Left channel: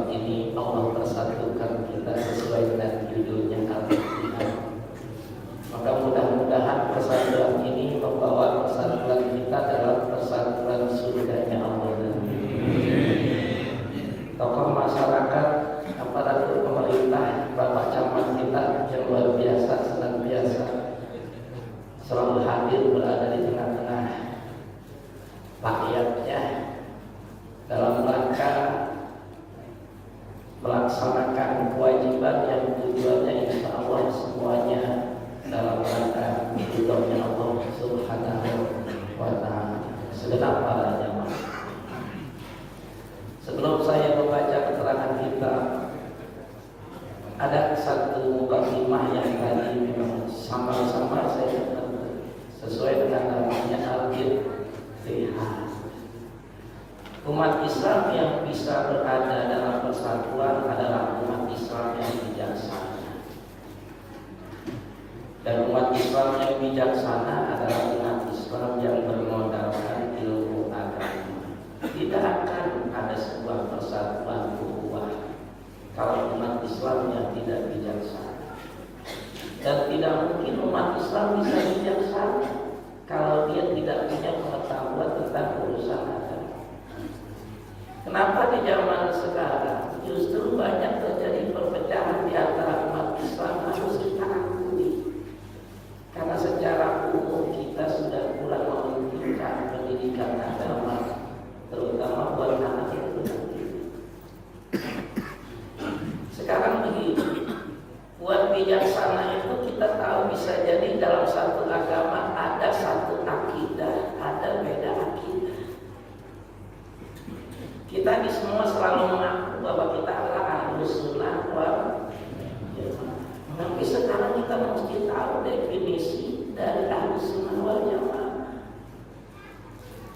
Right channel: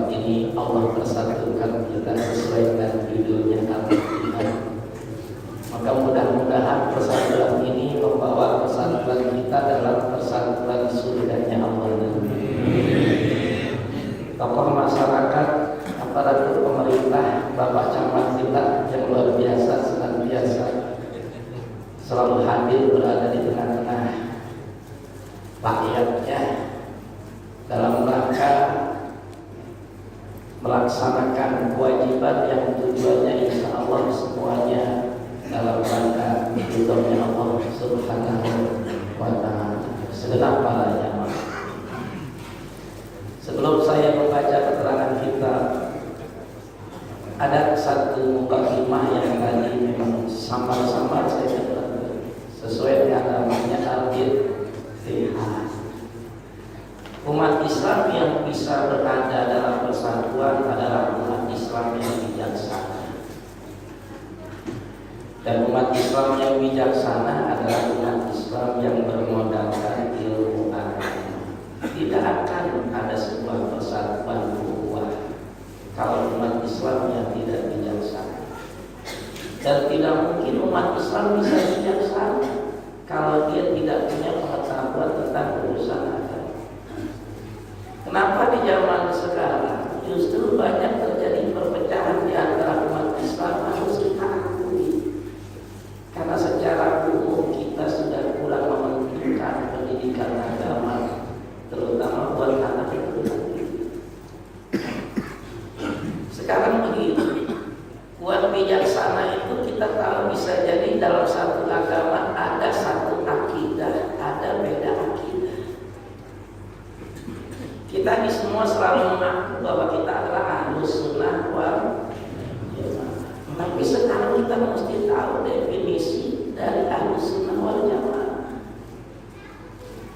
malam ini Allah persatukan kita sesuai dengan judulnya Al-Fatihah. Maka mudah-mudahan persatuan ini membawa persatuan kita dalam persatuan surganya Allah. Tokoh masyarakat, aparatur pemerintah, Bapak Camat kita yang luar biasa, senantiasa selalu hadir berada di tengah-tengah rakyatnya dalam rangka melaksanakan kewajiban yang tujuannya insya Allah semuanya dalam rangka ridhonya Allah Subhanahu wa ta'ala segenap pahalanya. Sebelum saya membaca keterangan kita, ada satu mukadimah yang tadi memang samar-samar saya sesuai dengan namanya Al-Fatihah. Umat Islam yang bisa berada dalam persatuan adalah umat Islam yang bijaksana. Dan umat Islam yang bijaksana adalah umat Islam yang bermodalkan ilmu agama. Tidak akan ada sebuah persatuan ukhuwah kalau umat Islam yang tidak bijaksana. Dan tidak mungkin umat Islam bisa bijaksana kalau dia tidak punya pengetahuan tentang urusan agama. Kenapa di zaman sekarang justru banyak terjadi perpecahan di antara umat Islam? Harus kita akui, karena secara umum kita sudah kurang mementingkan pendidikan agama, terutama buat anak itu. Sekarang begini, buat bijaksana itu kita tahu bisa jadi dalam satu agama ada satu akidah, ada beda akidah. Kita di semua selalu mengaku bahwa kita adalah Ahlus Sunnah wal Jamaah. Tapi sekarang kita mesti tahu definisi dari Ahlus Sunnah wal Jamaah.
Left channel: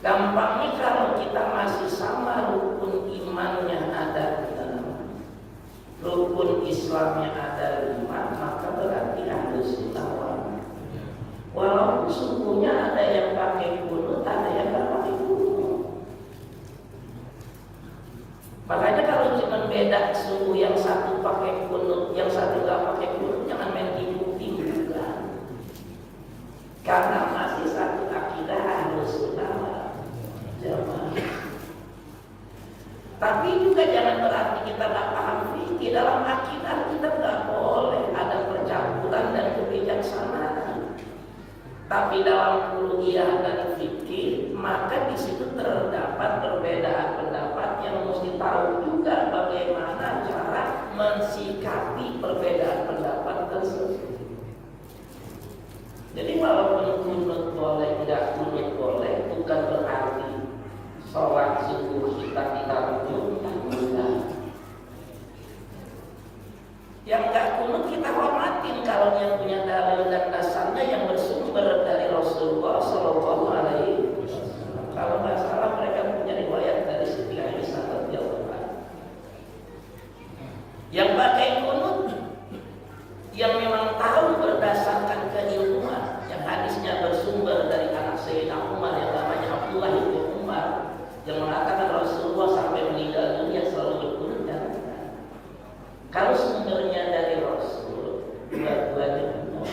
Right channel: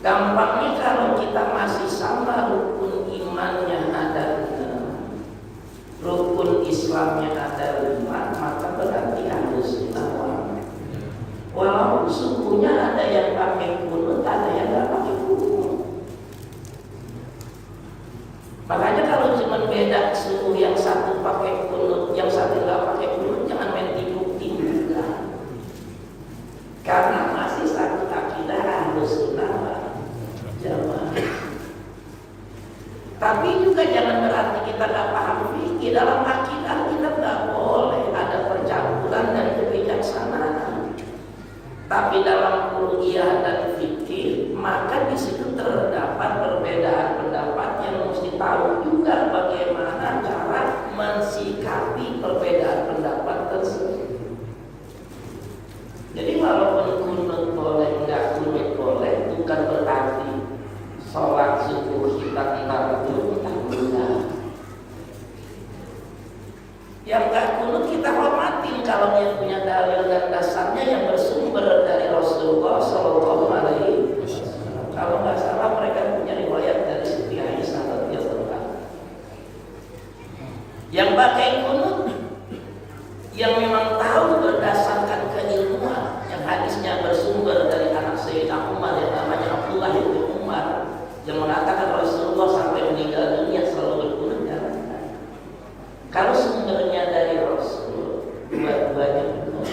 Gampangnya kalau kita masih sama rukun imannya ada 6, rukun Islamnya ada 5, maka berarti Ahlus Sunnah wal Jamaah. Walaupun sukunya ada yang pakai kunut, ada yang nggak pakai kunut. Makanya kalau cuma beda suku yang satu pakai kunut, yang satu nggak pakai kunut, jangan main tipu-tipu juga. Karena masih satu akidah Ahlus Sunnah wal Jamaah. Tapi juga jangan berarti kita nggak paham fikih. Dalam akidah kita nggak boleh ada percampuran dan kebijaksanaan. Tapi dalam uluhiyah dan fikih, maka di situ terdapat perbedaan pendapat yang mesti tahu juga bagaimana cara mensikapi perbedaan pendapat tersebut. Jadi walaupun kunut boleh, enggak kunut boleh, bukan berarti sholat subuh kita entar enggak. Yang enggak kunut kita hormatin kalau dia punya dalil dan dasarnya yang bersumber dari Rasulullah Shallallahu Alaihi Wasallam. Kalau nggak salah mereka punya riwayat dari Siti Aisyah radhiyallahu anha. Yang pakai kunut, yang memang tahu berdasarkan keilmuan, yang hadisnya bersumber dari anak Sayyidina Umar yang namanya Abdullah bin Umar, yang mengatakan Rasulullah sampai meninggal dunia selalu berkunut. Kalau sumbernya dari Rasul, dua-duanya benar.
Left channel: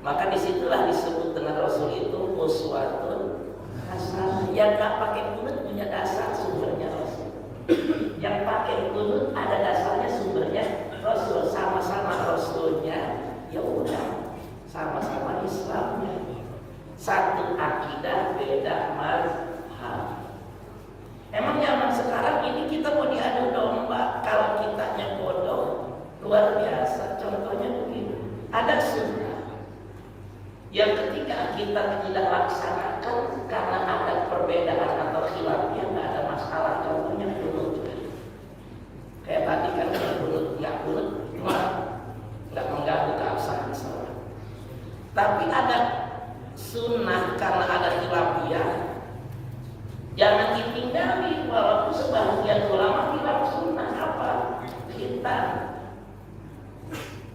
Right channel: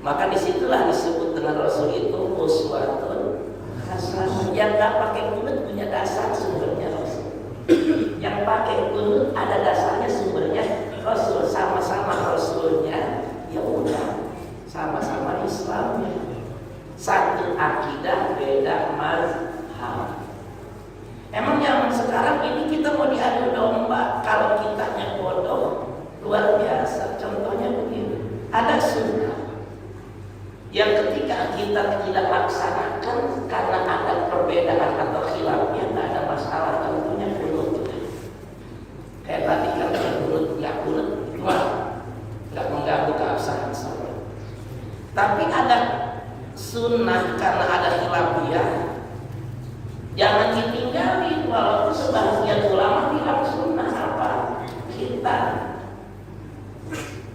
Maka disitulah disebut dengan Rasul itu uswatun hasanah. Yang nggak pakai kunut punya dasar sumbernya Rasul. Yang pakai kunut ada dasarnya sumbernya Rasul. Sama-sama Rasulnya, ya udah, sama-sama Islamnya. Satu akidah, beda mazhab. Emang zaman sekarang ini kita mau diadu domba. Kalau kitanya bodoh, luar biasa. Contohnya begini, ada sunnah yang ketika kita tidak laksanakan karena ada perbedaan atau khilafnya, nggak ada masalah. Contohnya kunut. Kayak tadi kan kunut, nggak kunut, nggak mengganggu keabsahan sholat. Tapi ada sunnah karena ada khilafiyah, jangan ditinggali. Walaupun sebagian ulama bilang sunnah apa? Kita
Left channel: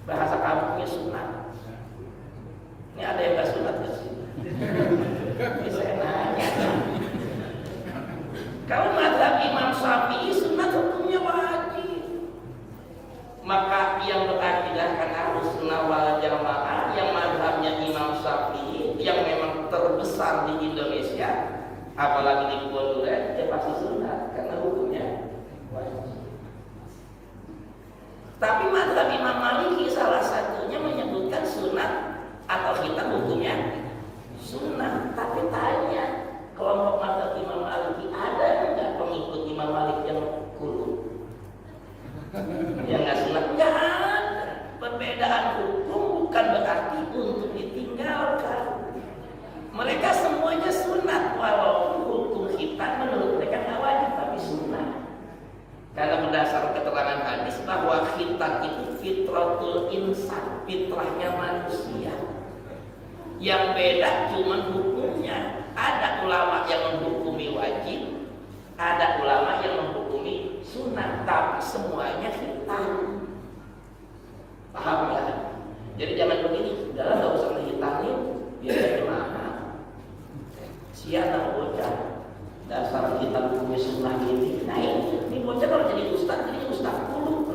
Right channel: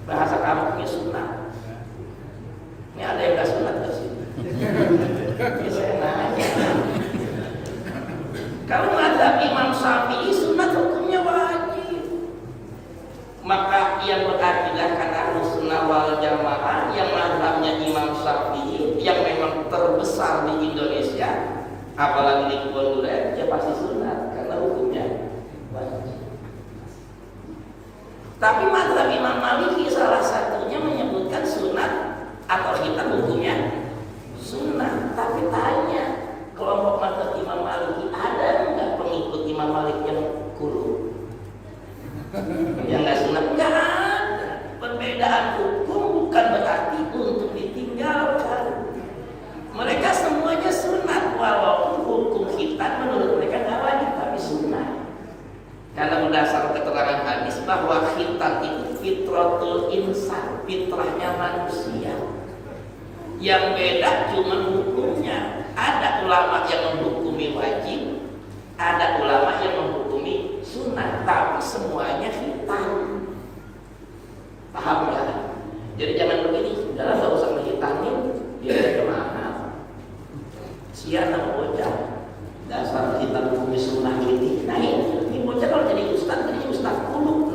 bahasa kamunya sunnah. Ini ada yang gak sunat gak sih? Ini saya nanya. Maliki salah satunya menyebutkan sunat atau khitan hukumnya sunnah. Tapi tanya kelompok mazhab Imam Maliki, ada nggak pengikut Imam Malik yang kulu? Yang nggak sunat? Nggak ada. Perbedaan hukum bukan berarti untuk ditinggalkan. Mereka semuanya sunat, walaupun hukum khitan menurut mereka nggak wajib tapi sunat. Karena berdasar keterangan hadis bahwa khitan itu fitratul insan, fitrahnya manusia. Yang beda cuma hukumnya. Ada ulama yang menghukumi wajib, ada ulama yang menghukumi sunnah, tapi semuanya khitan. Paham ya? Jadi jangan begini, sudahlah nggak usah menghitanin, dia kemana? Sian sama bocah, dasar kita hukumnya sunnah ini. Nah ini bocah kalau jadi ustaz dulu.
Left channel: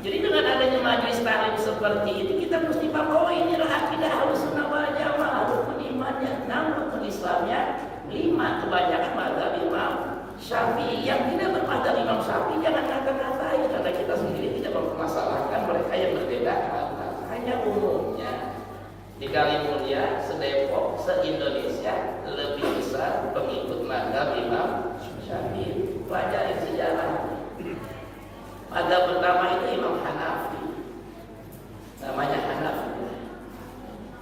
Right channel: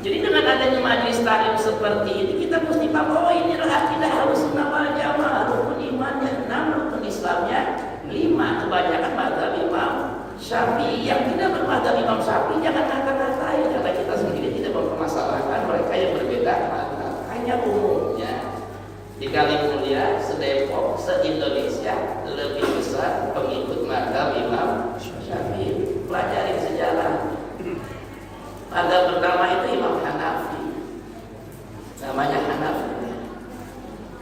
Jadi dengan adanya majelis taklim seperti ini, kita mesti paham, oh ini adalah akidah Ahlussunnah wal Jamaah, rukun imannya 6, rukun Islamnya 5, kebanyakan mazhab Imam Syafi'i. Yang tidak bermazhab Imam Syafi'i jangan ngata-ngatain, karena kita sendiri tidak mempermasalahkan mereka yang berbeda mazhab. Hanya umumnya di Kalimulia, se-Depok, se-Indonesia lebih besar pengikut mazhab Imam Syafi'i. Pelajarin sejarah. Mazhab pertama itu Imam Hanafi, namanya Hanafi.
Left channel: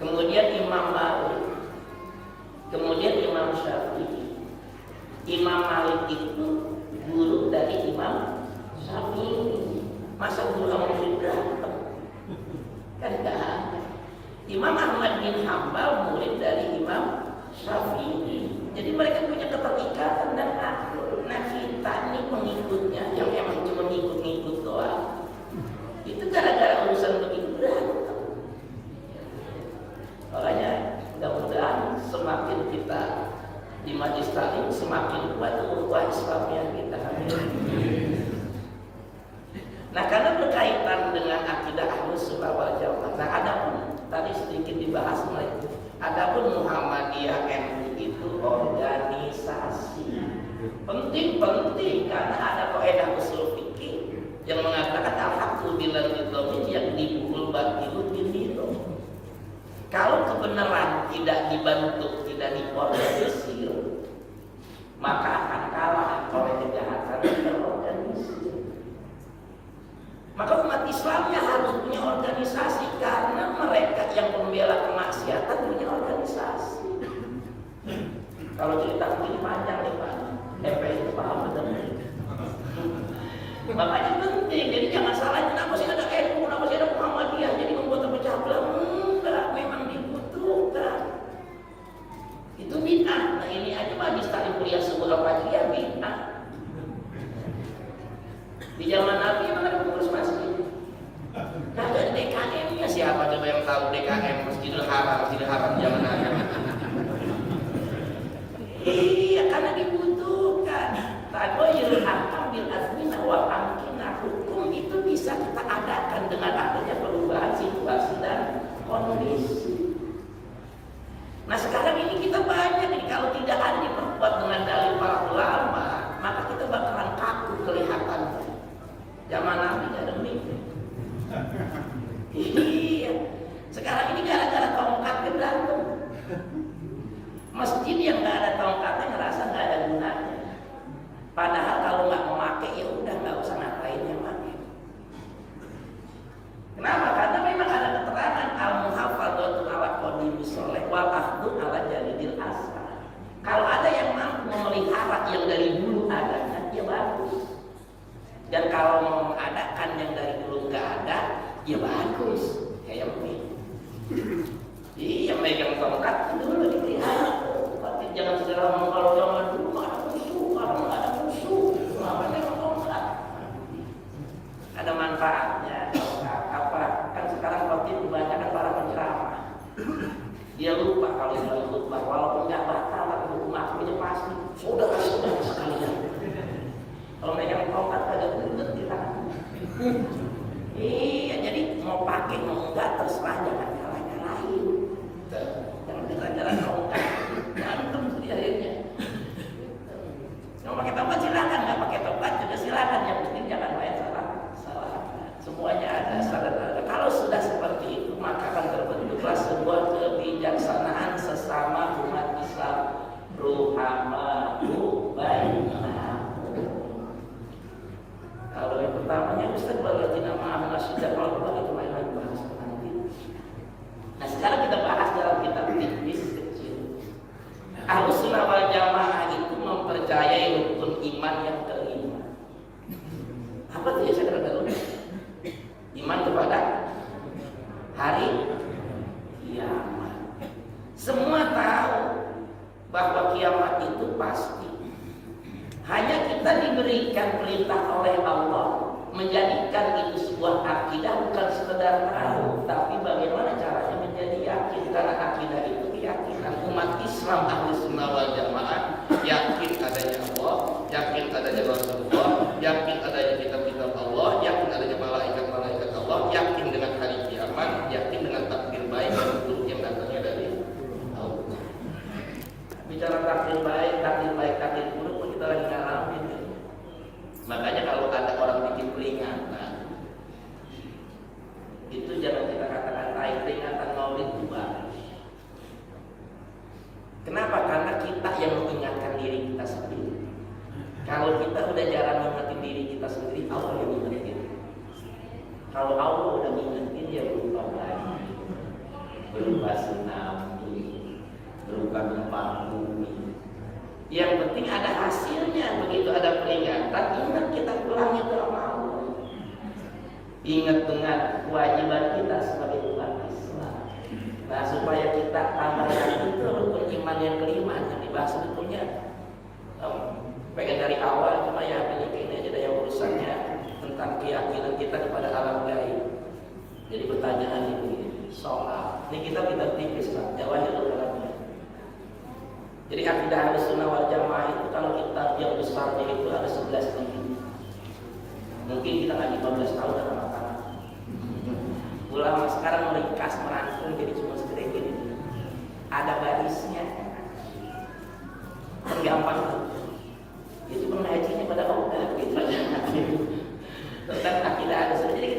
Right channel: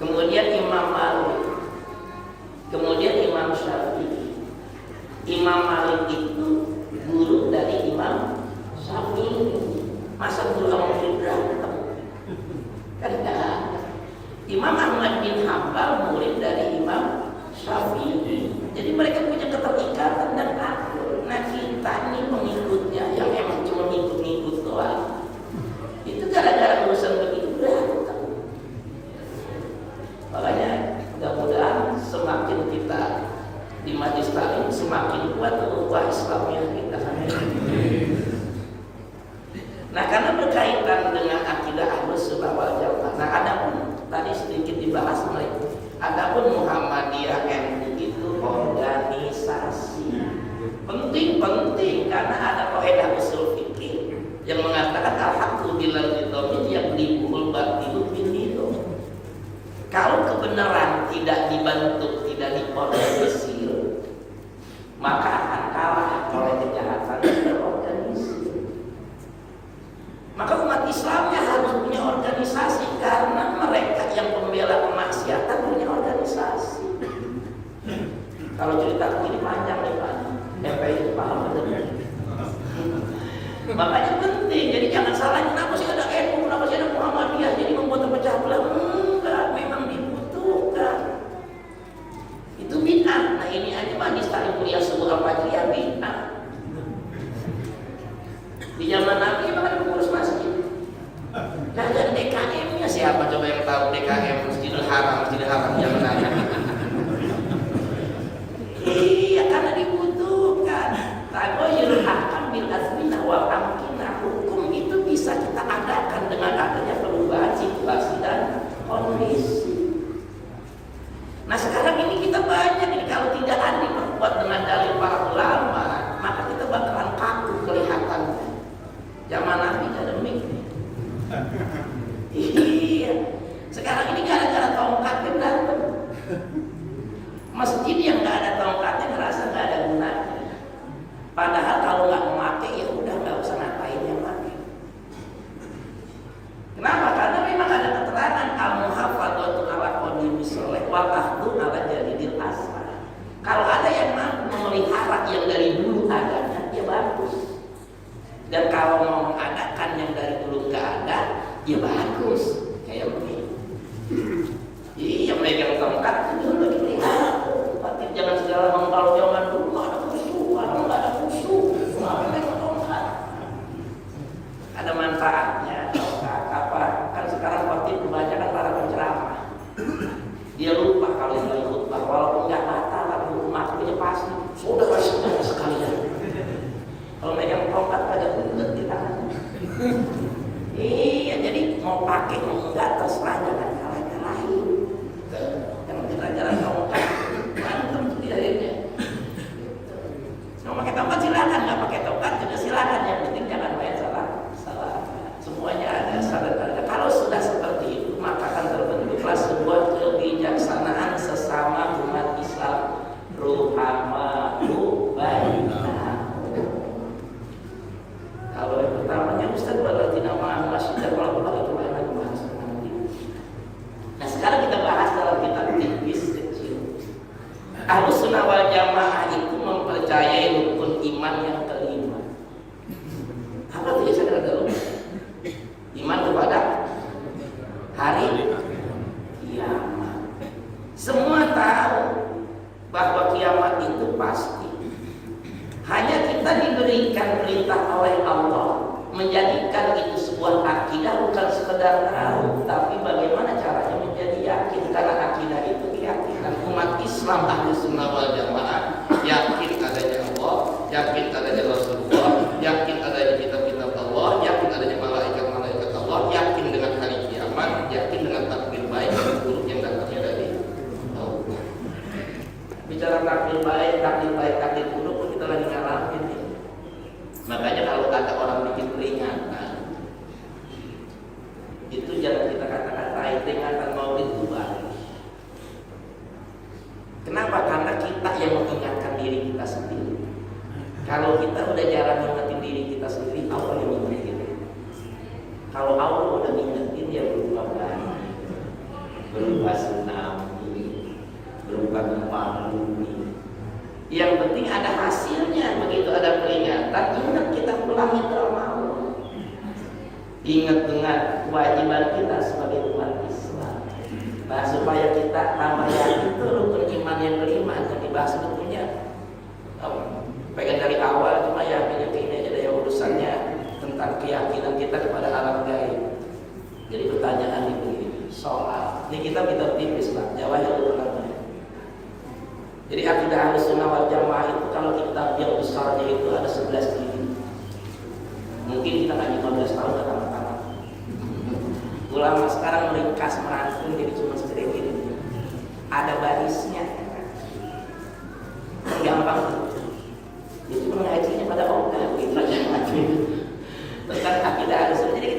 Kemudian Imam Malik, kemudian Imam Syafi'i. Imam Malik itu guru dari Imam Syafi'i. Masa guru sama murid berantem? Kan tidak ada. Imam Ahmad bin Hambal murid dari Imam Syafi'i. Jadi mereka punya keterikatan dan akur. Nah kita ini pengikutnya yang emang cuma ngikut-ngikut doang. Itu gara-gara urusan begitu berantem. Makanya mudah-mudahan semakin kita di majelis taklim semakin kuat ukhuwah Islamnya kita. Nah karena berkaitan dengan akidah Ahlussunnah wal Jamaah. Nah adapun tadi sedikit dibahas mereka. Adapun Muhammadiyah NU itu organisasi. Penting karena ada kaidah usul fikih yang mengatakan al-haqqu bilal nidhamin yaqlibul batilu bin nidham. Kalau kebenaran tidak dibentuk, tidak diorganisir, maka akan kalah oleh kejahatan yang terorganisir. Maka umat Islamnya harus punya organisasi, karena mereka yang pembela kemaksiatan punya organisasi. Kalau cerita begini panjang nih Pak, FPI itu paham benar. Makanya penting, jadi jangan salah, kenapa sih ada NU, kenapa sih ada Muhammadiyah, jadi membuat terpecah belah. Enggak, memang dibutuhkan. Itu bid'ah. Nah ini aja majelis taklim kuliah subuh al-fajriyah bid'ah. Di zaman Nabi memang ada pengurus masjid. Kagak ada DKM-nya, siapa coba yang tahu DKM Masjidil Haram zaman Nabi? Iya, karena dibutuhkan. Taghayyurul ahkam bil azminah wal amkinah. Hukum itu bisa kita adakan dengan adanya perubahan situasi dan kondisi. Nah sekarang ini kita banyak ini, kalau tidak ada diperkuat dengan dalil para ulama, maka kita bakalan kaku kelihatannya. Zaman Nabi ada mik. Iya. Sekarang ini gara-gara tongkatnya berantem. Masjid yang nggak ada tongkatnya ngerasa nggak ada gunanya. Padahal kalau nggak memakai ya udah nggak usah ngapain yang pakai. Kenapa? Karena memang ada keterangan al-muhafadzatu ala qadimi sholeh wal akhdhu ala jalidil aslah. Kalau ada yang mampu memelihara yang dari dulu adanya, ya bagus. Dan kalau mau mengadakan yang dari dulu nggak ada, ya bagus. Kayak begini. Iya, megang tongkat itu dulu dipelihara. Tapi jangan segala ngomong kalau zaman dulu nggak ada musuh, kalau nggak ada musuh, ngapain megang tongkat? Ada manfaatnya tongkat. Apa? Kan sekarang khotib kebanyakan para penceramah. Dia lupa kalau lagi khutbah, walaupun nggak batal tapi hukum akhirnya pasti. Saudara sekalian. Kalau megang tongkat ada bunget di tangan. Iya, jadi mau pakai mau enggak terserah, jangan nyalahin. Jangan gara-gara tongkat berantem di akhirnya. Mau pakai tongkat silakan, nggak pakai tongkat pasti. Hanya kita diberikan perintah oleh Allah menjadikan itu sebuah akidah, bukan sekedar tahu, tapi bagaimana caranya menjadi yakin. Karena akidah itu keyakinan umat Islam Ahlussunnah wal Jamaah, yakin adanya Allah, yakin adanya Rasulullah, yakin adanya kitab-kitab Allah, yakin adanya malaikat-malaikat Allah, yakin dengan hari kiamat, yakin dengan takdir baik dan buruk yang datangnya dari Allah. Bicara takdir baik, takdir buruk pun kita lagi ngalamin. Makanya kalau ada orang bikin peringatan, itu jangan kita kata-katain. Peringatan Maulid itu bagus. Kenapa? Karena kita yang mengingatkan diri kita sendiri. Kalau kita udah jarang ingetin diri kita sendiri, Allah yang ingetin. Kalau Allah udah ngingetin, ya berubah baik, berubah tsunami, berubah gempa bumi. Yang penting ada hasilnya. Begitu ada peringatan, ingat kita pulang sudah mau. Ingat dengan kewajiban kita sebagai umat Islam. Nah, supaya kita tambah yakin, itu rukun iman yang kelima yang dibahas sebetulnya. Pengen dari awal, cuma ya ini aja deh urusannya tentang keyakinan kita kepada alam gaib. Jadi pertanyaan ini soal ini kita tipis lah, jawabnya ulama. Jadi akidah Ahlussunnah wal Jamaah itu kalau kitab yang besarnya itu ada 11 jilid. Mungkin kita ngaji 15 tahun akan tamat. Ulama sekarang meringkas, merangkum jadi cuma segede gini. Ada barisnya. Gampang. Itu mengajinya pada orang tentang akidah Ahlussunnah. Jadi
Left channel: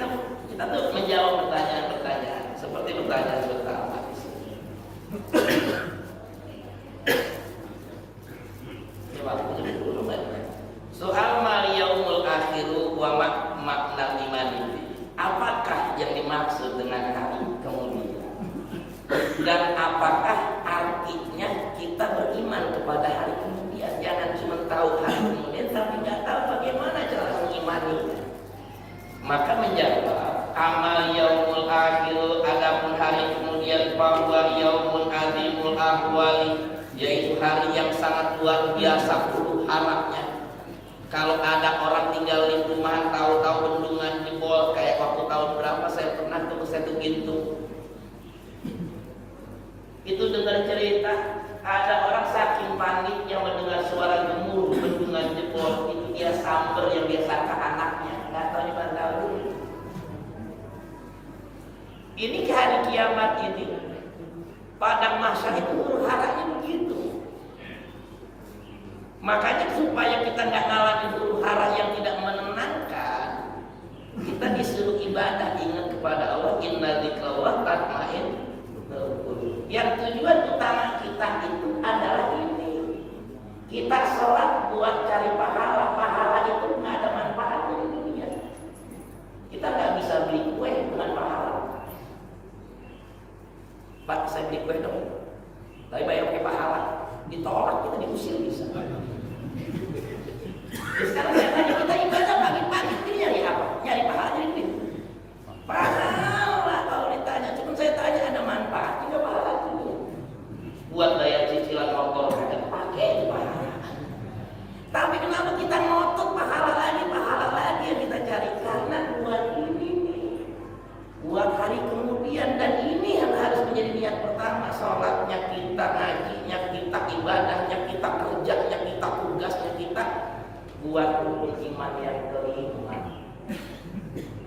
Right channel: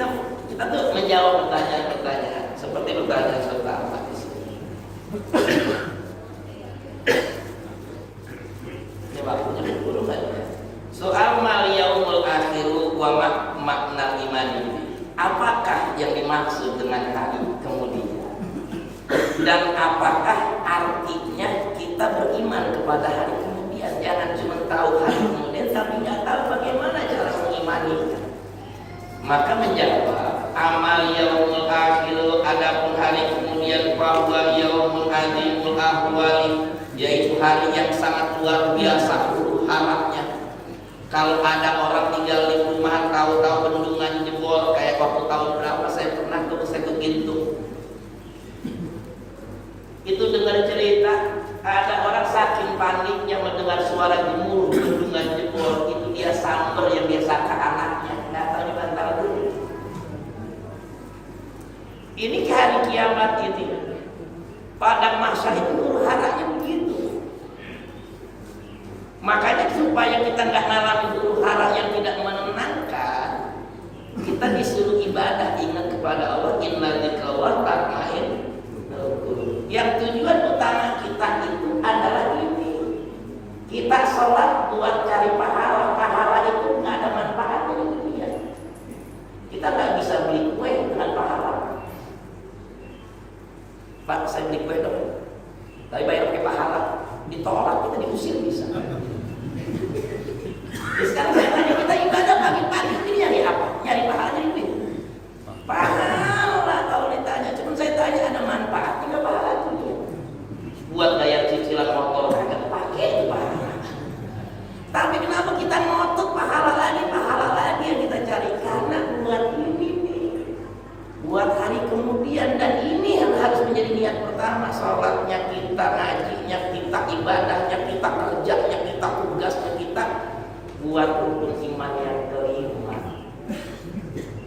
kita tuh menjawab pertanyaan-pertanyaan seperti pertanyaan pertama di sini. Soal mal yaumul akhiru wa makna iman ini. Apakah yang dimaksud dengan hari kemudian? Dan apakah artinya kita beriman kepada hari kemudian? Jangan cuma tahu hari kemudian tapi nggak tahu bagaimana cara mengimaninya. Maka menjawab amal yaumul akhiru, adapun hari kemudian, bahwa yaumul azimul ahwali, yaitu hari yang sangat luar biasa huru haraknya. Kalau ada orang tinggal di rumah, tahu-tahu bendungan jebol, kayak waktu tahun berapa saya pernah ke Setu Gintung. Itu dengar cerita, ada orang saking paniknya mendengar suara gemuruh bendungan jebol, itu dia samper yang biasa ke anaknya, nggak tahu di mana tahu. Ini ke hari kiamat ini, padang mahsyar itu huru haranya begitu. Makanya supaya kita nggak ngalamin huru hara yang tidak menenangkan, kita disuruh ibadah, ingat kepada Allah. Inna dzikrallah tatma'innul qulub. Yang tujuan utama kita itu adalah ini. Kita sholat buat cari pahala. Pahala itu nggak ada manfaatnya di dunia. Kita nggak bisa beli kue dengan pahala. Pak, saya beli kue dong, tapi bayar pakai pahala. Ditolak, kita diusir bisa. Jadi sekarang saya tanya, kita ibadah pagi-pagi ini nyari apa? Nyari pahala, nyari duit. Pahala kalau ditanya, cuma saya tanya ada manfaatnya nggak pahala itu? Buat bayar cicilan motor kagak pakai itu pahala. Tapi kenapa kita ngotot pahala lagi yang kita cari? Karena buat ini nih, buat hari kemudian, dan ini yang harus menjadi niat pertama. Sholatnya kita, ngajinya kita, ibadahnya kita, kerjanya kita, tugasnya kita, buat rukun iman yang kelima,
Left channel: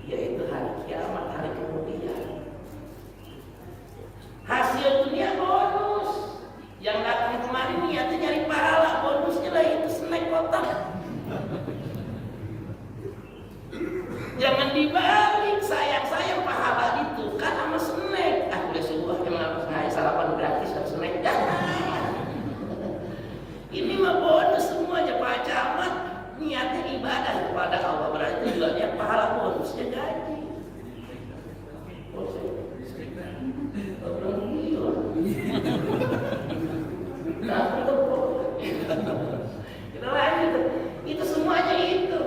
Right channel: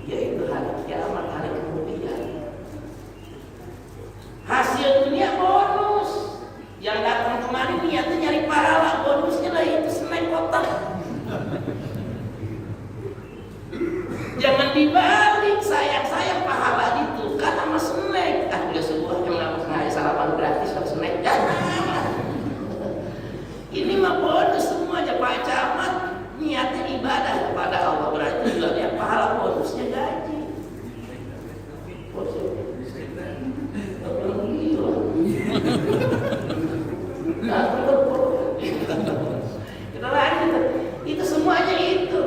yaitu hari kiamat, hari kemudian. Hasil dunia bonus. Yang datang kemarin niatnya nyari pahala, bonusnya lah itu snack kotak. Jangan dibalik, sayang pahala ditukar sama snack. Boleh sebuah yang nggak sarapan gratis sama snack. Ini mah bonus semua aja Pak Camat. Niatnya ibadah kepada Allah, berarti juga dia pahala bonusnya gaji. Kita lanjut. Itu semuanya itu.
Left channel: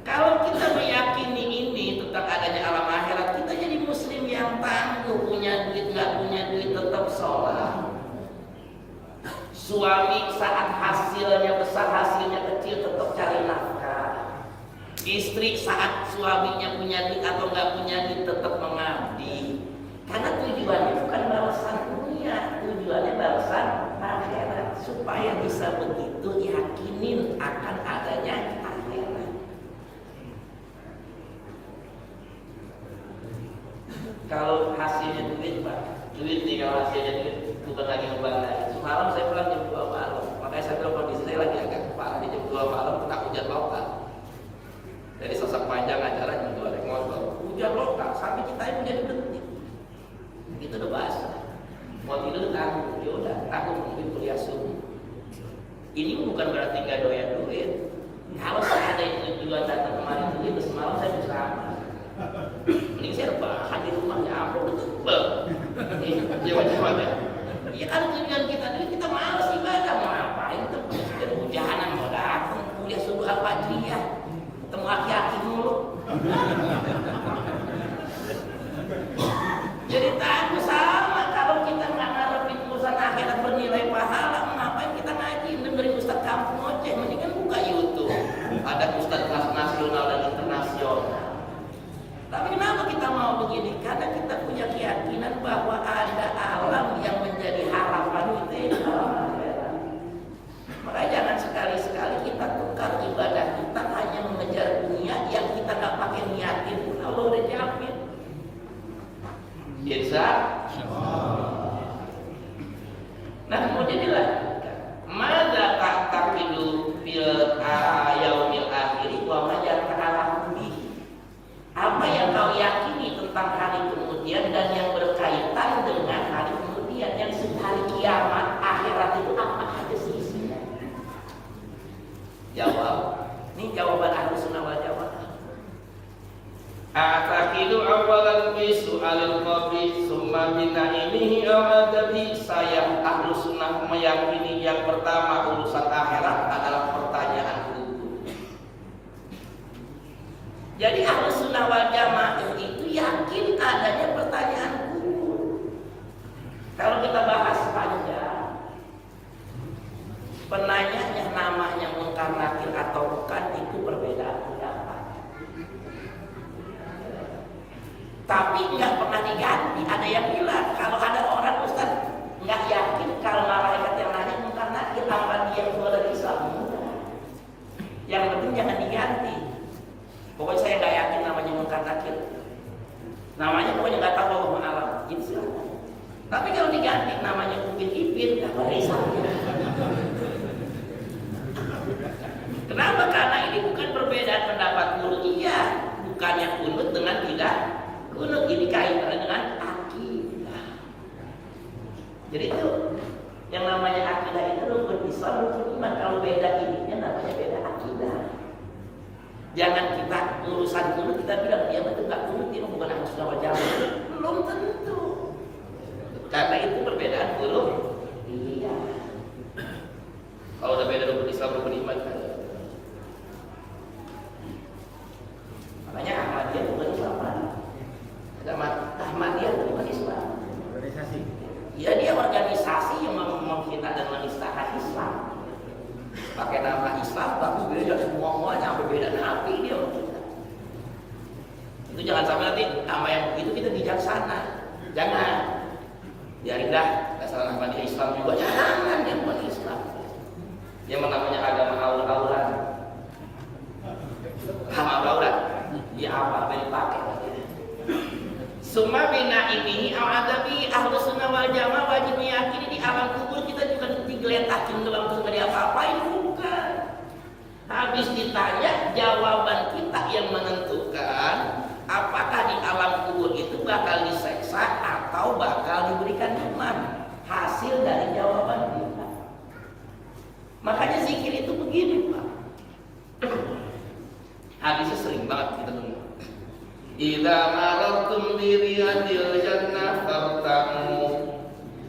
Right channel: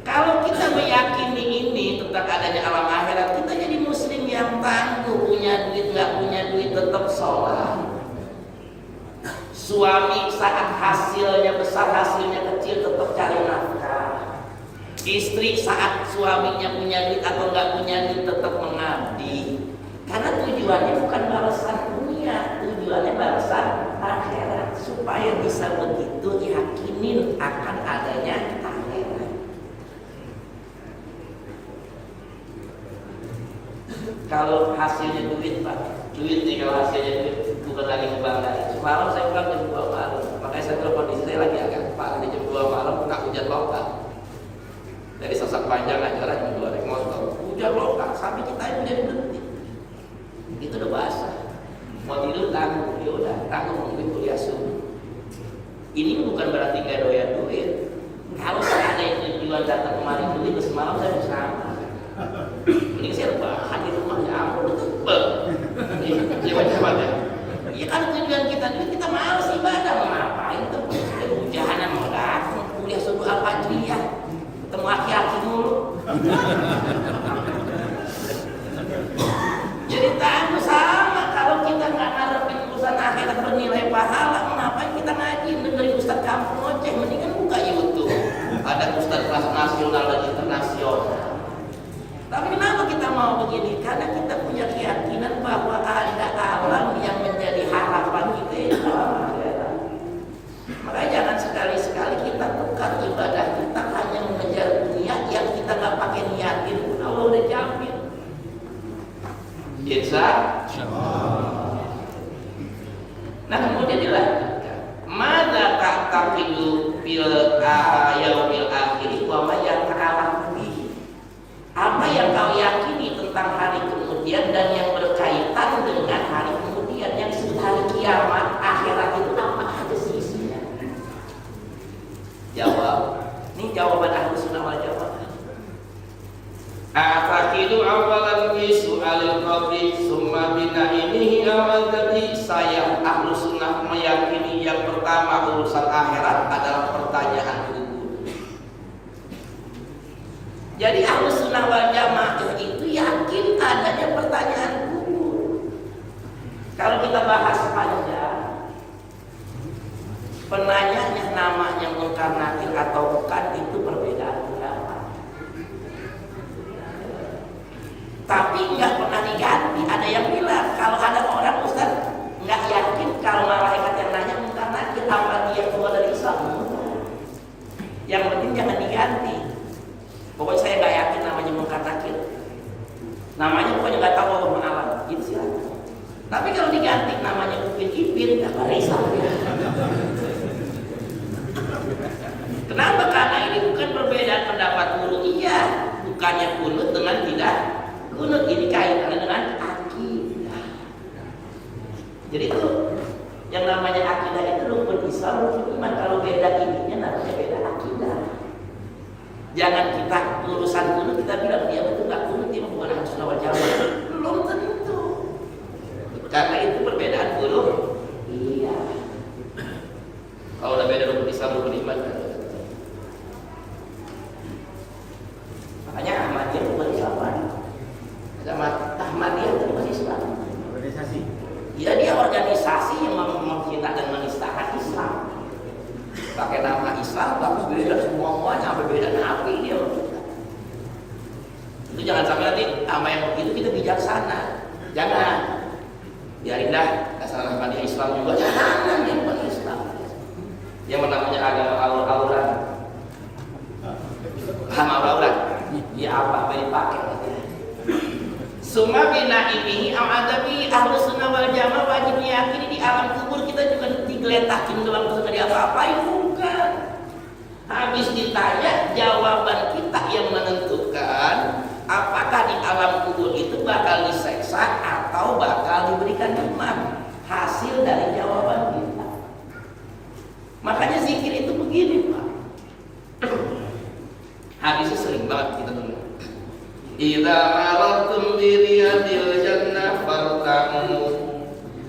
Kalau kita meyakini ini tentang adanya alam akhirat, kita jadi muslim yang tangguh. Punya duit nggak punya duit tetap sholat. Suami saat hasilnya Istri saat suaminya punya duit atau nggak punya duit tetap mengabdi, karena tujuannya bukan balasan dunia, tujuannya balasan akhirat. Supaya bisa begitu yakinin akan adanya akhirat. Kalau hasilnya duit Pak, duit nih, kalau hasilnya duit bukan lagi membanggakan. Semalam saya pulang jam 2 malam, makanya saya bilang kondisi saya lagi agak parah di jam 2 malam kena hujan lokal. Dari Sasak Panjang acara jam 2 naik motor, hujan lokal sampai kita itu jadi berhenti. Itu udah basah. Mau tidur tanggung, ya udah tanggung nungguin kuliah subuh. Ini bukan berarti gak doyan duit. Kalau seandainya tujuan datang kemari duit, terus semalam saya bisa aman. Mending saya rebahan di rumah, ya ampun betul. Jawa-jawanya. Ya kalau tujuan kita duit, kita malas ibadah, mau ngapain tuh? Jadi hujanan mau datang kuliah subuh Al-Fajriyah, ketemu aki-aki mulu. Jadi takut sama kalau kita nggak ngarepin urusan akhirat bernilai pahala, ngapain kita ngaji dengerin ustaz kampung ngoceh? Mendingan buka YouTube, ada ustaz kelas nasional dan internasional. Tapi kenapa kita mau begini? Karena kita punya keyakinan bahwa ada alam yang menjadi harapan kita di dalam akhirat. Makanya jangan sekali-sekali kita tukar ibadah kita hanya mengejar dunia yang kita nggak pakai niatin pun Allah udah jamin. Insya Allah. Nah kemudian dilanjutkan, mada ta'taqidu fil yaumil akhir wa ma yata'allaqu bihi. Apa yang kau yakini tentang hari kemudian dan yang berkaitan dengan hari kemudian, yang hari kiamat akhirat itu apa aja sih isinya? Jawab. Ini jawaban Ahlus Sunnah wal Jamaah. Atakidu awalan bisu alil qabri summa binaimihi awadadi. Saya Ahlus Sunnah meyakini yang pertama urusan akhirat adalah pertanyaan kubur. Jadi Ahlus Sunnah wal Jamaah itu yakin adanya pertanyaan kubur. Kalau kita bahas panjang, penanyanya namanya Munkar Nakir atau bukan itu perbedaan pendapat. Tapi nggak pernah diganti. Ada yang bilang kalau ada orang ustaz nggak yakin kalau malaikat yang nanya Munkar Nakir apa dia keluar dari Islam. Yang penting jangan diganti. Pokoknya saya nggak yakin namanya Munkar Nakir. Namanya pokoknya nggak tahu Allah Alam. Gitu silakan. Tapi kalau diganti namanya Upin Ipin, nggak berisam. Kenapa? Karena ini bukan perbedaan pendapat guru. Iya, bukannya kunut dengan tidak kunut. Ini kaitannya dengan akidah. Jadi itu yang namanya akidah itu rukun Islam, rukun iman. Kalau beda ininya namanya beda akidah. Jangan kita urusan kunut kita bilang dia betul nggak kunut, dia bukan Ahlus Sunnah wal Jamaah. Belum tentu. Karena itu perbedaan guru. Iya. Kalau udah beda rukun Islam, rukun iman kan. Makanya Ahmadiyah itu bukan Islam kan? Ahmadiyah itu bukan Islam. Organisasi. Ya dia organisasi yang menghina dan menistakan Islam. Pakai nama Islam tapi beda semuanya, sampai beda nabi dia menghina. Itu jangan sampai nanti sama yang begitu kita bijaksana. Jangan. Biarinlah dasar Ahmadiyah Islam juga. Jangan yang bukan Islam. Yang namanya agama aur-auran. Paham aur-auran? Ya apa dipakai nanti. Summa binaimihi adabi. Ahlus Sunnah wal Jamaah wajib meyakini di alam kubur kita juga digeletakin doang terus nggak diapa-apain, bukan. Habis ditanya jawaban kita yang menentukan apakah di alam kubur itu bakal diseksa atau bakal diberikan nikmat. Hasil dari jawaban kita. Makanya zikir itu begini Pak. Habisnya sering banget kita dengar. Idza marartum bi riyadil jannah fartamu.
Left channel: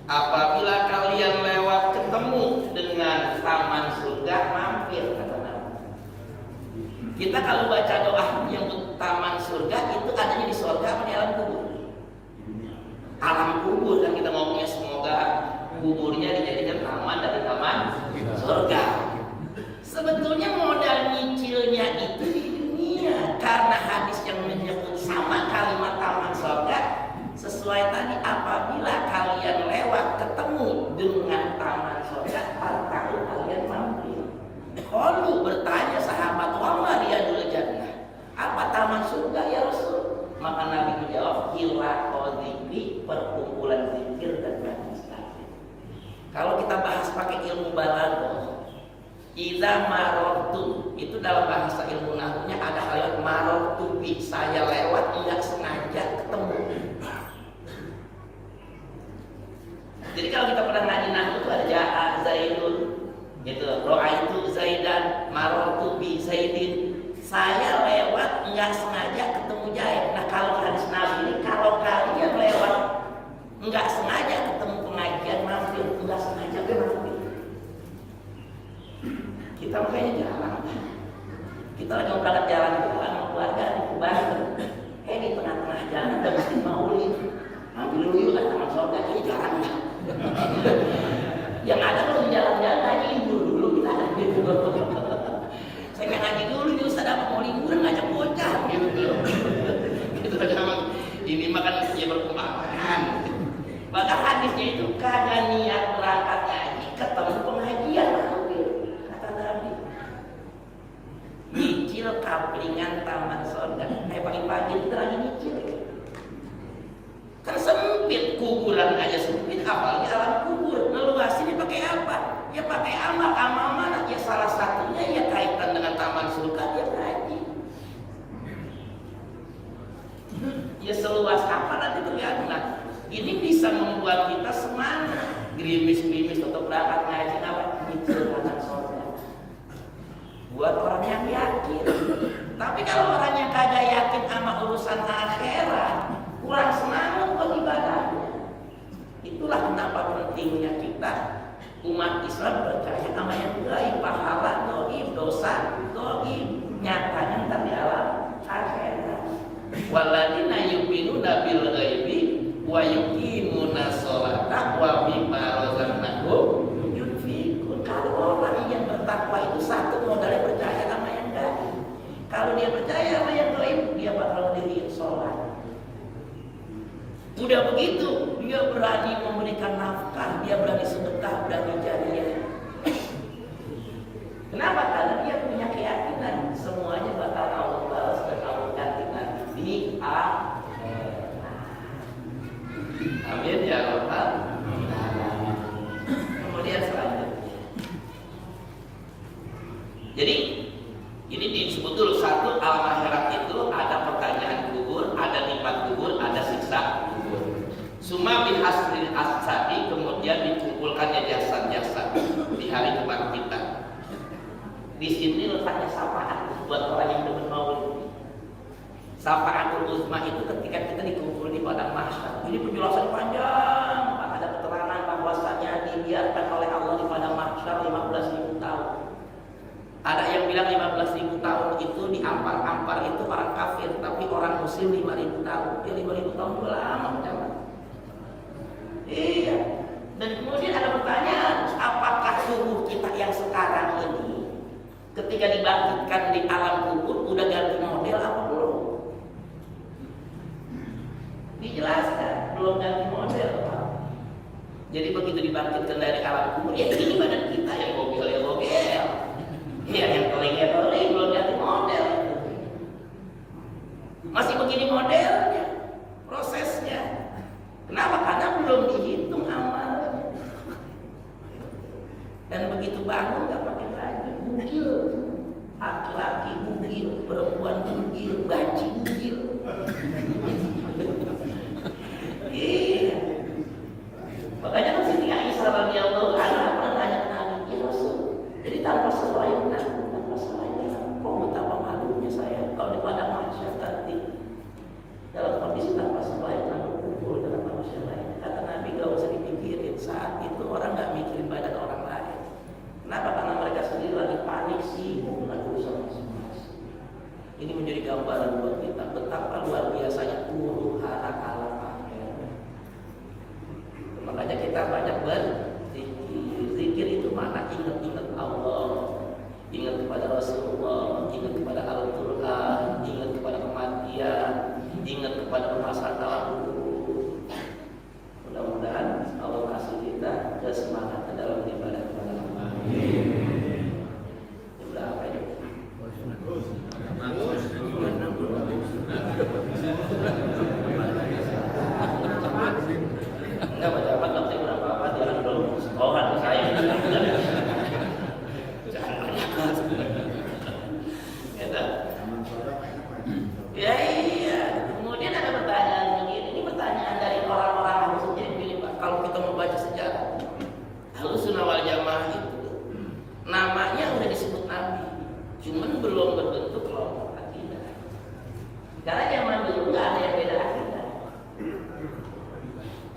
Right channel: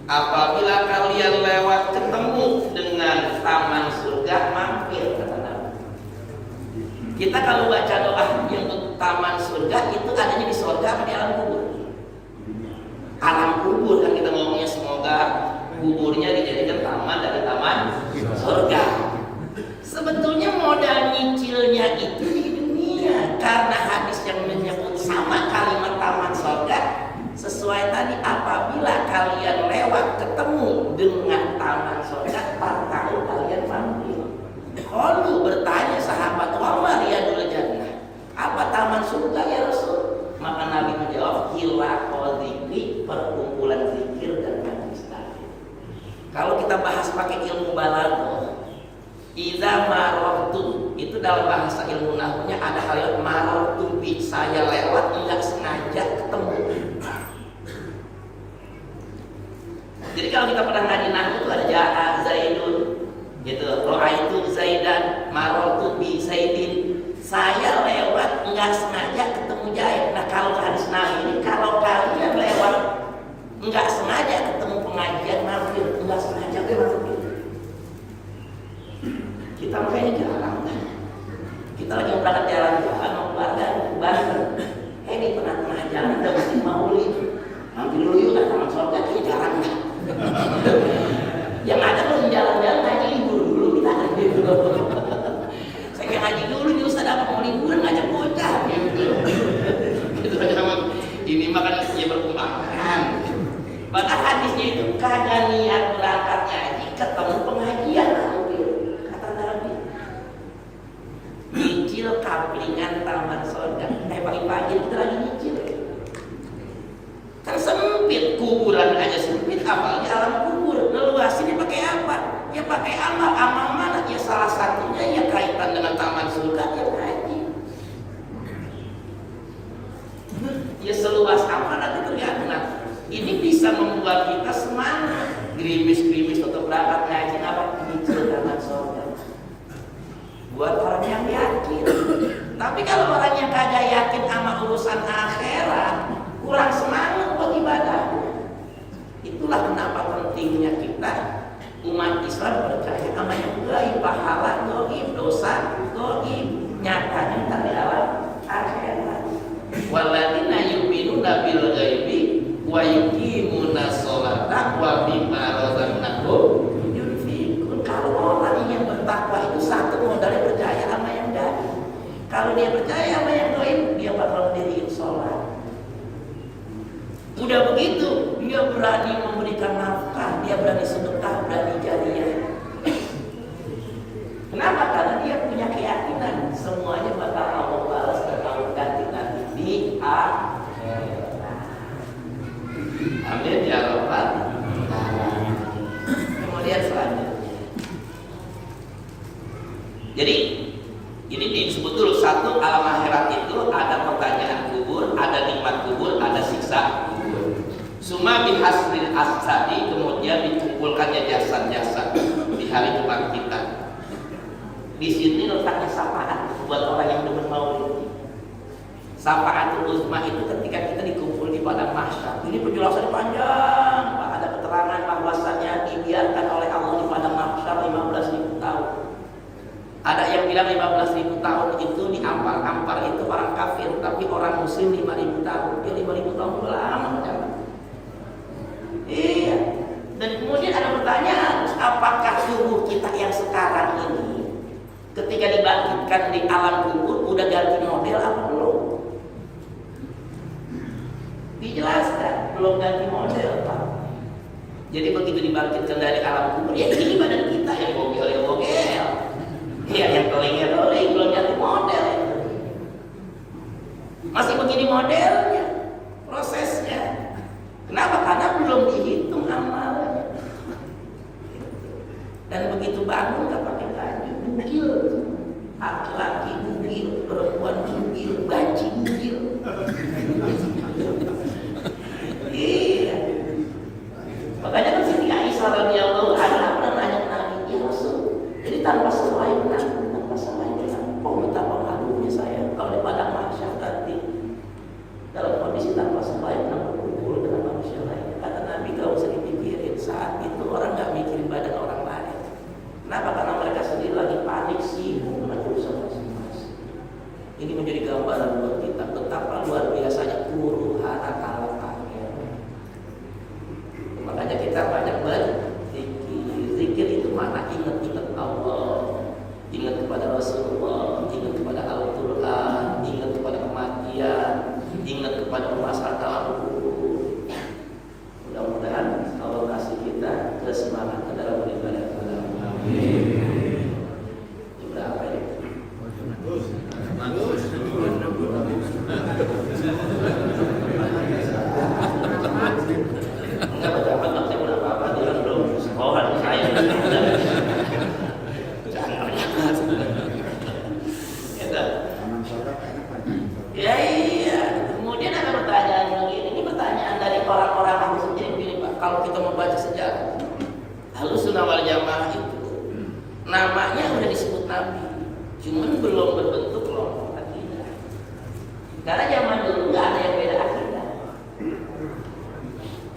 Apabila kalian lewat ketemu dengan taman surga, mampir, kata Nabi. Kita kalau baca doa yang untuk taman surga itu adanya di surga apa di alam kubur? Alam kubur kan kita ngomongnya, semoga kuburnya dijadikan taman dari taman surga. Sebetulnya modal nyicilnya itu di dunia surga ya Rasul? Maka Nabi menjawab, hilaqah dzikri, perkumpulan zikir dan majlis taklim. Kalau kita bahas pakai ilmu balaghah, idza marartu, itu dalam bahasa ilmu nahwunya ada kalimat marartu bi, saya lewat enggak sengaja ketemu. Jadi kalau kita pernah ngaji nahwu itu ada jaa zaidun, gitu. Ra'aitu zaidan, marartu bi zaidin. Saya lewat enggak sengaja ketemu Zaid. Nah, kalau hadis Nabi ini, kalau kalian lewat enggak sengaja ketemu pengajian mampir, enggak sengaja mampir. Kita makanya jarang kan. Kita lagi mau berangkat jalan-jalan mau keluarga ke Banten. Di tengah-tengah jalan ada masjid Maulid. Mampir dulu yuk ke Taman Sorga, kayaknya jarang kan. Yang ada kalau jalan-jalan ngaji libur dulu kita ngaji dulu. Saya ngaji dulu nih Ustaz, apa mau liburan ngajak bocah gitu. Gitu aja ini makan ya berkumpulan. Maka hadisnya itu kagak niat berangkat ngaji ketemu pengajian mampir. Kata Nabi. Nyicil kaplingan Taman Sorga. Pagi-pagi kita lagi nyicil. Kan sempit, kuburan aja sempit, apalagi alam kubur. Ngeluasin pakai apa? Ya pakai amal. Amal mana? Ya salah satunya ya kaitan dengan taman surga, ya haji. Ya seluas apa nanti tergantung. Nah, ini bisa membuat kita semangat. Gerimis-gerimis tetap berangkat ngaji, apa? Nyicil taman surga. Buat orang yang yakin. Tapi kalau orang yang kagak yakin sama urusan akhirat, kurang semangat buat ibadahnya. Itulah kenapa pentingnya kita umat Islam percaya sama yang gaib, pahala gaib, dosa gaib, nyatanya ntar di alam akhirat. Walladzina yu'minuna bil ghaibi wa yuqimuna sholata wa mimma razaqnahum yunfiqun. Kalau orang yang bertakwa itu satu modalnya percaya sama yang gaib. Kalau dia percaya sama yang gaib, dia bakal mendirikan sholat. Udah begitu, dia berani memberikan nafkah, dia berani sedekah, berani jariyah. Kenapa? Karena dia punya keyakinan semuanya bakal Allah balas dan Allah ganti nanti di akhirat. Amin ya rabbal alamin. Kemudian selanjutnya. Jadi ini disebut dulu satu, alam akhirat itu ada pertanyaan kubur, ada nikmat kubur, ada siksa kubur. Suma bihasril asadi, kemudian dikumpulkannya jasad-jasad di hari kebangkitan. Di sini letaknya syafaat buat orang yang demen maulid. Syafaatul uzma itu ketika kita dikumpul di padang mahsyar. Ini penjelasan panjang, Pak. Ada keterangan bahwasannya dibiarkan oleh Allah di padang mahsyar 15.000 tahun. Ada yang bilang 15.000 tahun itu diampar-ampar itu orang kafir, tapi orang muslim 5.000 tahun. Ya 5.000 tahun itu lama jangan. Iya. Dan kemudian ada pertanyaan, apakah tubuh kita yang sekarang ini ketika dibangkitkan di alam kubur udah ganti model apa belum? Dijelaskan, belum ganti model, Pak. Jadi begitu dibangkitkan dari alam kubur, ya ini badan kita yang bogel. Iya, yang telingnya belum ganti model. Masih begini modelnya, prosesnya. Kenapa? Karena belum dihitung amalnya. Dan begitu bangun nggak pakai baju, bugil. Laki-laki bugil, perempuan bugil, banci bugil. Iya. Makanya kan Siti Aisyah radhiyallahu anha pernah nanya ke Nabi, ya Rasul, jadi tanpa selain kok betapa malunya saya kalau di padang mahsyar nanti dalam kondisi tanpa selain berkumpul dengan manusia lain. Kata Nabi, gak usah dipikirin, saat itu orang gak mikirin badan orang lain. Kenapa? Karena mereka sendiri lagi panik sibuk dengan urusan masing-masing. Ini menjadi gambaran buat kita betapa luar biasanya huru hara alam akhirat. Makanya kita banyak berzikir. Zikir itu mana? Ingat-ingat Allah, ingat kepada Rasulullah, ingat kepada Al-Quran, ingat kepada kematian, ingat kepada permasalahan. Mudah-mudahan Allah kasih kita kesemangat dalam beribadah kepada Allah. Berapa ya? Nabi, cuman belum berbentuk kelompok akidah. Karena zaman dulu nggak ada yang beda akidah,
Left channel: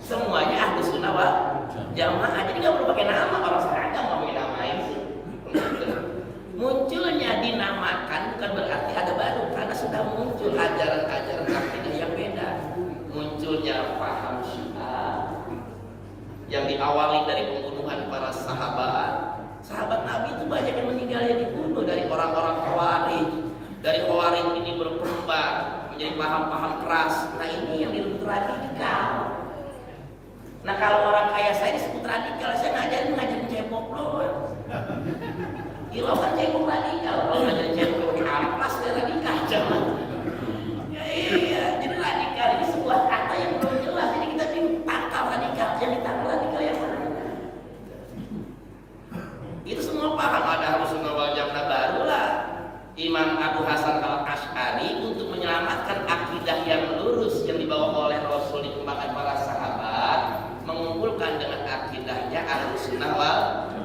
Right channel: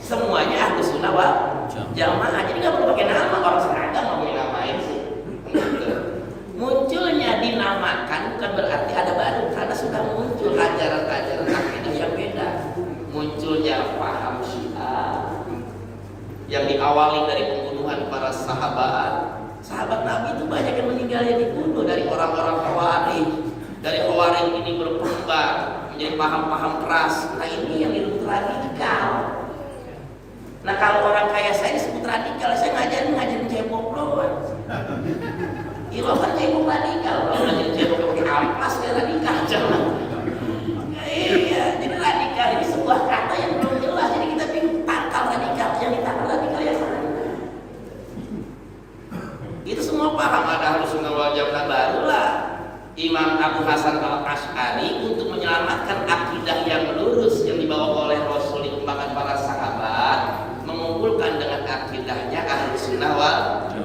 semuanya Ahlus Sunnah wal Jamaah. Jadi nggak perlu pakai nama, orang seragam mau namain sih. Munculnya dinamakan bukan berarti ada baru, karena sudah muncul ajaran-ajaran akidah yang beda. Munculnya paham Syiah yang diawali dari pembunuhan para sahabat. Sahabat Nabi itu banyak yang meninggalnya dibunuh dari orang-orang Khawarij. Dari Khawarij ini berkembang menjadi paham-paham keras. Nah ini yang disebut radikal. Nah kalau orang kaya saya disebut radikal, saya ngajarin cebok doang. Iya kan cebok radikal. Kalau ngajarin cebok pakai ampas ya radikal jangan. Ya, iya, jadi radikal ini sebuah kata yang belum jelas. Jadi kita bingung tangkal radikal, yang ditangkal radikal yang mana? Itu semua paham ada Ahlus Sunnah wal Jamaah. Barulah Imam Abu Hasan al-Asy'ari untuk menyelamatkan akidah yang lurus yang dibawa oleh Rasul, dikembangkan para sahabat, mengumpulkan dengan akidahnya Ahlus Sunnah wal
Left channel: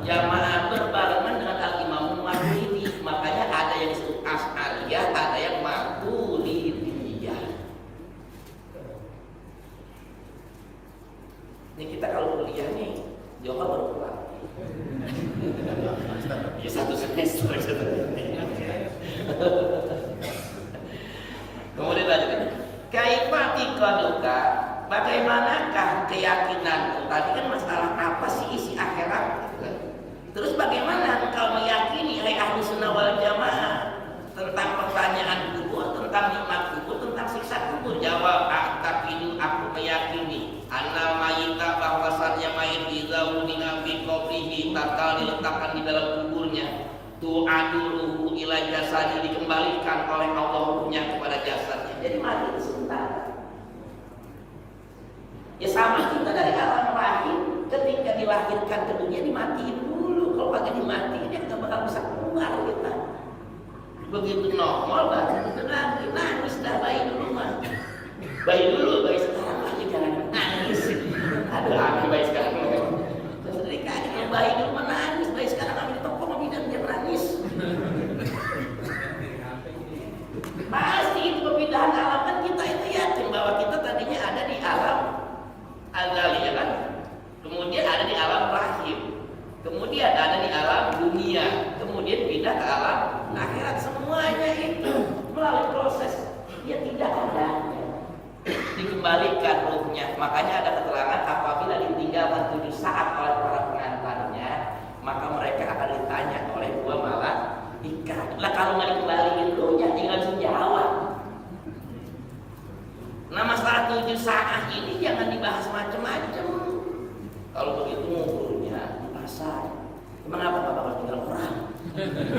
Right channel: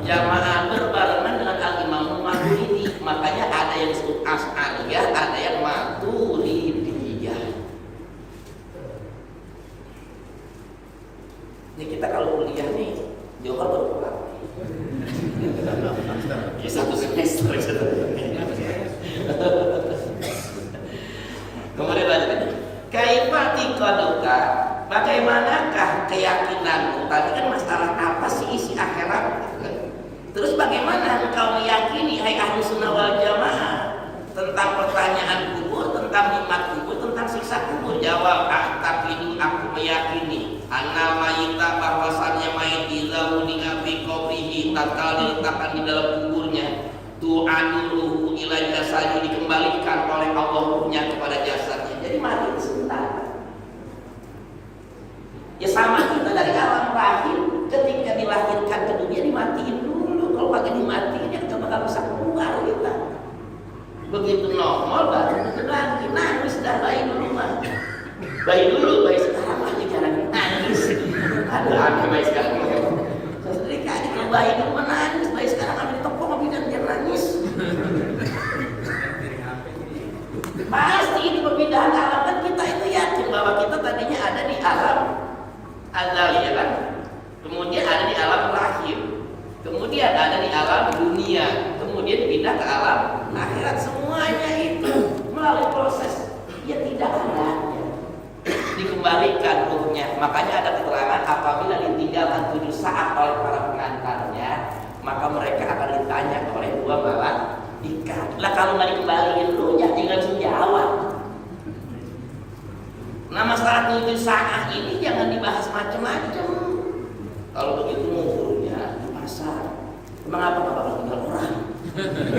Jamaah berbarengan dengan Al-Imam Maturidi. Makanya ada yang disebut Asy'ariyah, ada yang Maturidiyah. Ini kita kalau kuliah nih Johor baru pulang. Ya satu semester kemudian lanjut. Kaifati qaduka, bagaimanakah keyakinanmu? Tadi kan masalah apa sih isi akhirat. Terus bagaimana engkau meyakini hai Ahlus Sunnah wal Jamaah tentang pertanyaan kubur, tentang nikmat kubur, tentang siksa kubur? Jawab, a'taqidu, aku meyakini annal mayita, bahwasannya mayit idza wudi'a fi qabrihi, tatkala diletakkan di dalam kuburnya, tu'aduluhu ila jasadi, dikembalikan oleh Allah ruhnya kepada jasadnya. Jadi mati itu sebentar. Ya sama kita dari alam rahim, ketika dilahirkan ke dunia dimatiin dulu. Kalau pakai dimatiin ya nggak bakal bisa keluar kita. Begitu normal baru begitu lagi nangis dah bayi dulu mah. Bayi dulu, bayi sekarang aja jangan nangis. Ada bayi sekarang. Sesuai kayak kalau bayi dulu menangis, bayi sekarang ambil ditepuk sama bidan dia nangis. Pasti itu perpindahan alam, kan kita itu yakin bahwa kita tadinya ada di alam azali ya kan. Kemudian ada di alam rahim. Kemudian ada di alam dunia, kemudian pindah ke alam akhirat. Semuanya itu melalui proses ya tidak adanya, dikembalikan ruhnya. Makanya ada keterangan apabila ditinggalkan 7 saat oleh para pengantarnya, maka mereka akan ditanya oleh 2 malaikat. Lah kalau nggak dikembaliin ruhnya, tinggal jawab. Nah masalah 7 saat ini jangan dibahas macam-macam. Kalau begitu nguburnya di pasar, emang apa nggak bakal tinggal orang?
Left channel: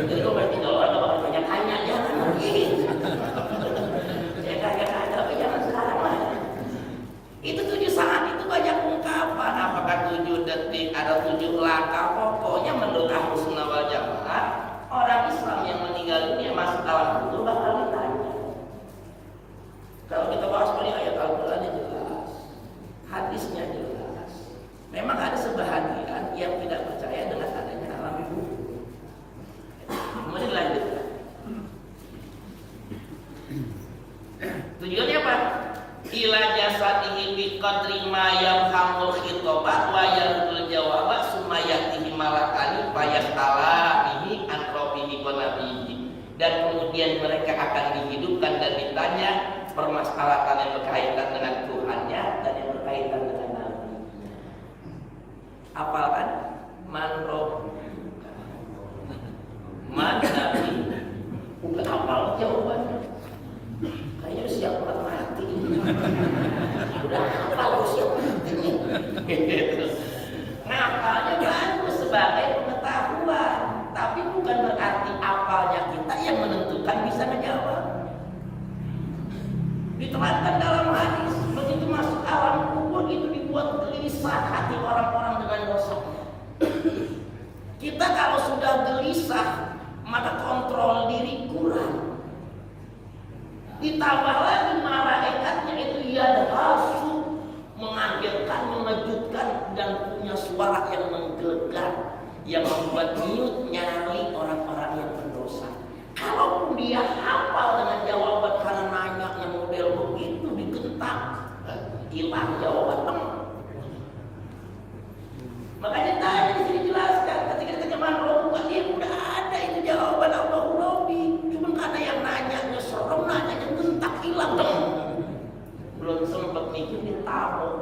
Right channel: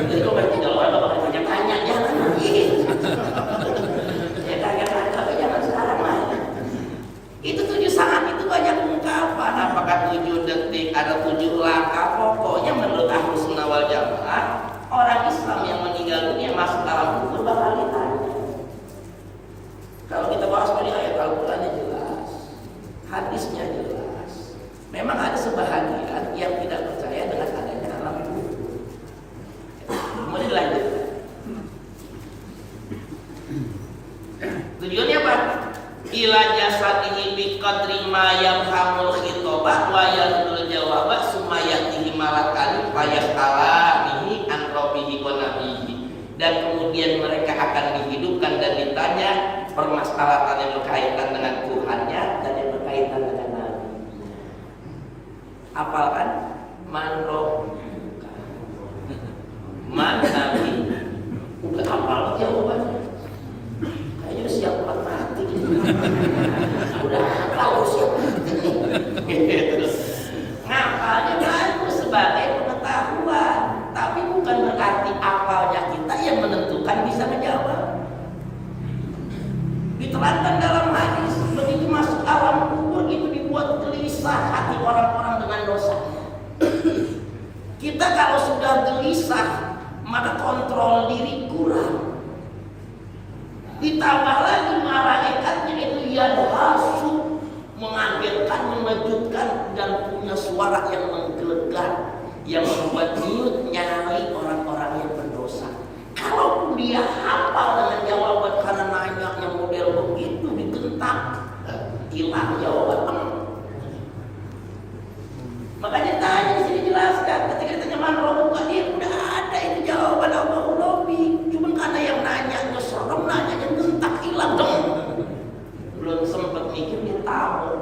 Jadi kalau nggak tinggal orang nggak bakal tanya-tanya, jangan gitu. Ya tanya-tanya, tapi jangan sekarang lah. Itu 7 saat itu banyak ungkapan. Apakah 7 detik, ada 7 langkah? Pokoknya menurut Ahlus Sunnah wal Jamaah, orang Islam yang meninggal dunia masuk alam kubur bakal ditanya. Kalau kita bahas pada ayat Al-Qurannya jelas, hadisnya jelas. Memang ada sebahagian yang tidak percaya dengan adanya alam kubur. Kemudian dilanjutkan. Tujuannya apa? Ila jasadihi bi qadri ma yafhamul khitaba wa yardul jawaba sumayatihi malakani fayas'alanihi an rabbihi wa nabihi. Dan kemudian mereka akan dihidupkan dan ditanya permasalahan yang berkaitan dengan Tuhannya dan yang berkaitan dengan Nabi. Apalkan man roh, man Nabi, udah hafal jawabannya. Kayaknya udah siap buat mati. Udah hafal, udah siap mati. Ngapalnya bagus sebagai pengetahuan, tapi bukan berarti apalnya kita yang menentukan bisa menjawab. Diterangkan dalam hadis, begitu masuk alam kubur itu dibuat gelisah hati orang-orang dengan dosanya. Kita kalau sudah gelisah, maka kontrol diri kurang. Ditambah lagi malaikatnya itu yadhasu, mengagetkan, mengejutkan, dan punya suara yang menggelegar, yang membuat nyut nyali orang-orang yang dia hafal dengan jawaban karena nanyanya model begitu digentak, hilang jawaban. Makanya tanya di sini jelaskan, ketika ditanya man rabbuka, dia udah ada itu jawaban Allahu Rabbi. Cuma karena yang nanyanya serem, nanyanya gentak hilang dong. Belum sempat mikir dia tahu.